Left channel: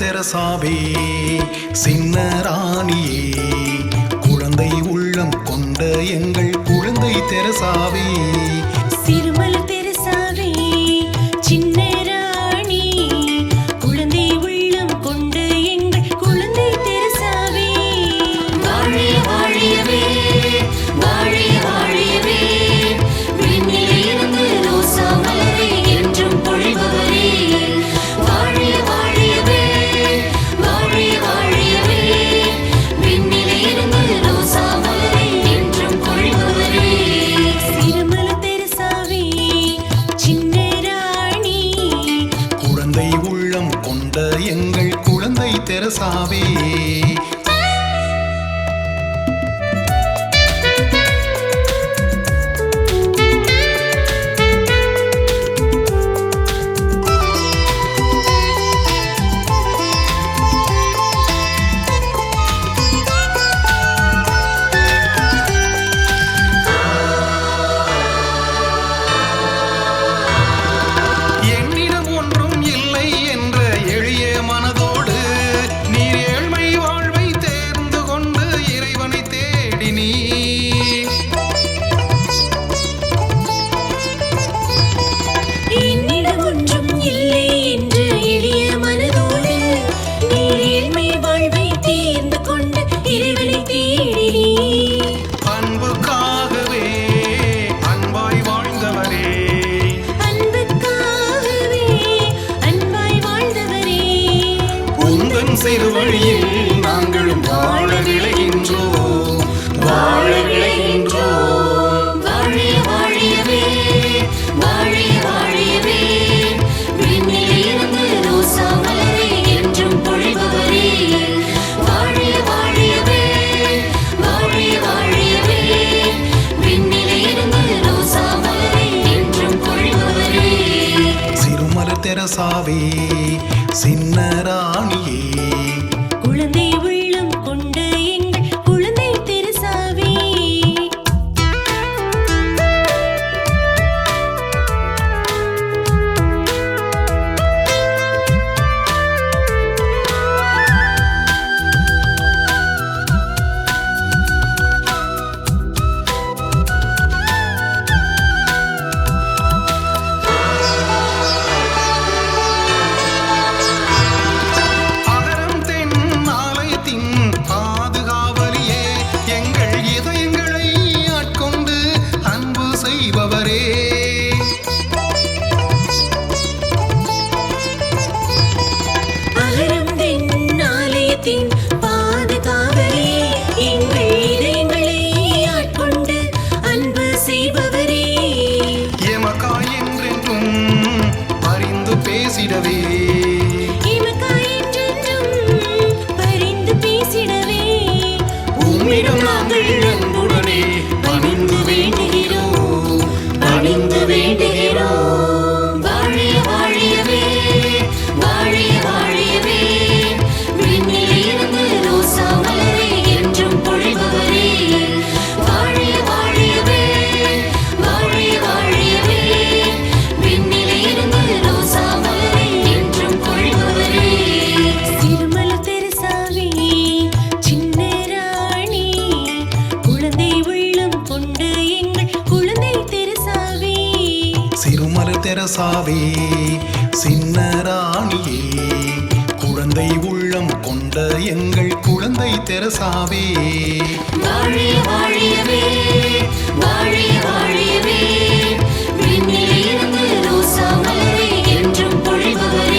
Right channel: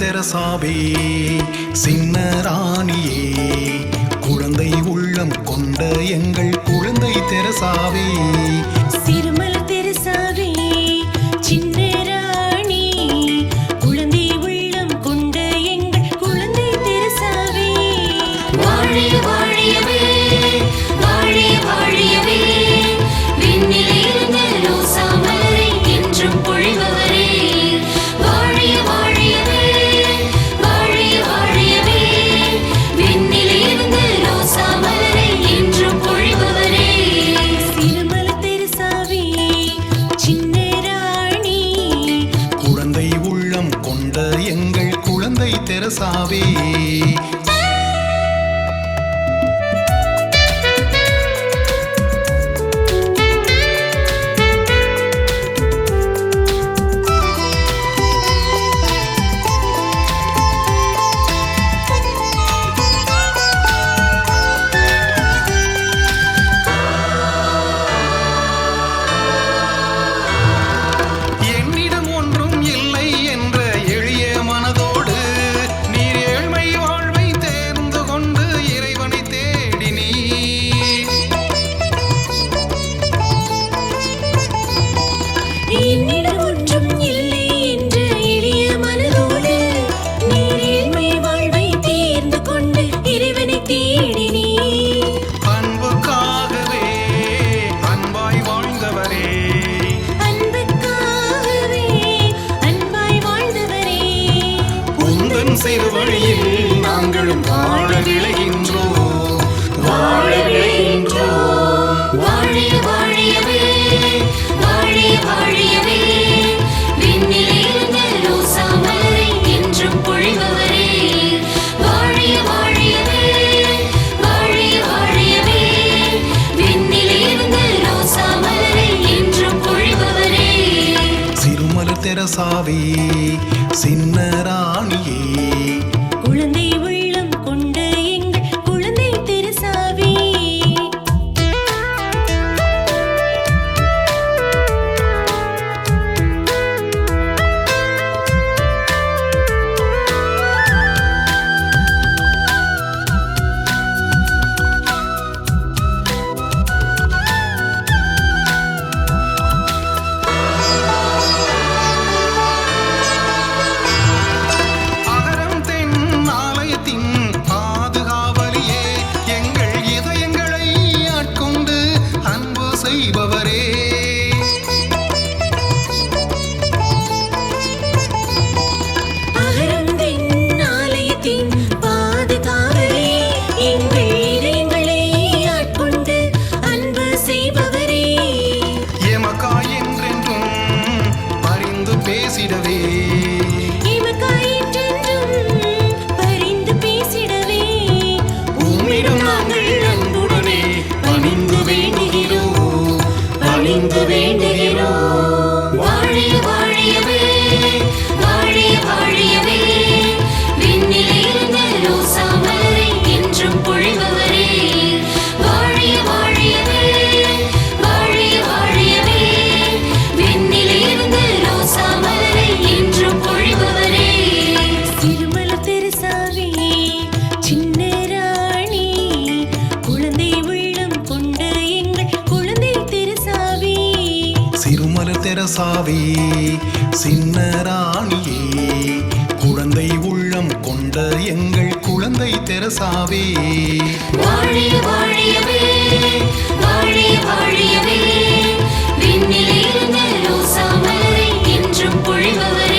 தெரசாவே சின்ன ராணியே குழந்தை உள்ளம் கொண்ட எங்கள் குழந்தை தெரசாவே சிறுமலர் தெரசாவே சின்ன ராணி குழந்தை உள்ளம் கொண்ட எங்கள் குழந்தை தெரசாவே வாழிய வாழியவே வாழிய வாழியவே விண்ணிலிருந்து ரோசா மலரை என்றும் பொழிபவரே வாழிய வாழியவே வாழிய வாழியவே விண்ணிலிருந்து ரோசா மலரை என்றும் பொழிபவரே சிறுமலர் தெரசாவே சின்ன ராணி குழந்தை உள்ளம் கொண்ட எங்கள் குழந்தை தெரசாவே என்னிடம் ஒன்றும் இல்லை என்ற எளிய மனதோடு நீர் ஏழ்மை வாழ்வை தேர்ந்து கொண்டு இறைவனை தேடினீர். என்னிடம் ஒன்றும் இல்லை என்ற எளிய மனதோடு நீர் ஏழ்மை வாழ்வை தேர்ந்து கொண்டு இறைவனை தேடினீர். அன்புக்காகவே அன்பாய் வாழ்ந்தவரே அன்புக்காகவே அன்பாய் வாழ்ந்தவரே உந்தன் சிறுவழியில் நாங்களும் வாழ விளைகின்றோம் வாழ விளைகின்றோம். வாழிய வாழியவே வாழிய வாழியவே விண்ணிலிருந்து ரோசா மலரை என்றும் பொழிபவரே வாழிய வாழியவே வாழிய வாழியவே விண்ணிலிருந்து ரோசா மலரை என்றும் பொழிபவரே சிறுமலர் தெரசாவே சின்ன ராணியே குழந்தை உள்ளம் கொண்ட எங்கள் குழந்தை தெரசாவே அகரம் தென் ஆலயத்தின் பாதுகாவலியே எங்கள் இதயங்களை ஆட்கொண்டு அன்பு செய்பவரே அகரம் தென் ஆலயத்தின் பாதுகாவலே எங்கள் இதயங்களை ஆட்கொண்டு அன்பு செய்பவரே எமக்காய் என்றென்றும் பரிந்து பேசிடவே எமக்காய் என்றென்றும் பரிந்து பேசிடவே உம்மிடம் நாங்கள் அன்புடனே பணிந்து வேண்டுகிறோம் பணிந்து வேண்டுகிறோம். வாழிய வாழியவே வாழிய வாழியவே விண்ணிலிருந்து ரோசா மலரை என்றும் பொழிபவரே வாழிய வாழியவே வாழிய வாழியவே விண்ணிலிருந்து ரோசா மலரை என்றும் பொழிபவரே சிறுமலர் தெரசாவே சின்ன ராணி குழந்தை உள்ளம் கொண்ட எங்கள் குழந்தை தெரசாவே சிறுமலர் தெரசாவே சின்ன ராணியே குழந்தை உள்ளம் கொண்ட எங்கள் குழந்தை தெரசாவே வாழிய வாழியவே வாழிய வாழியவே விண்ணிலிருந்து ரோசா மலரை என்றும் பொழிபவரே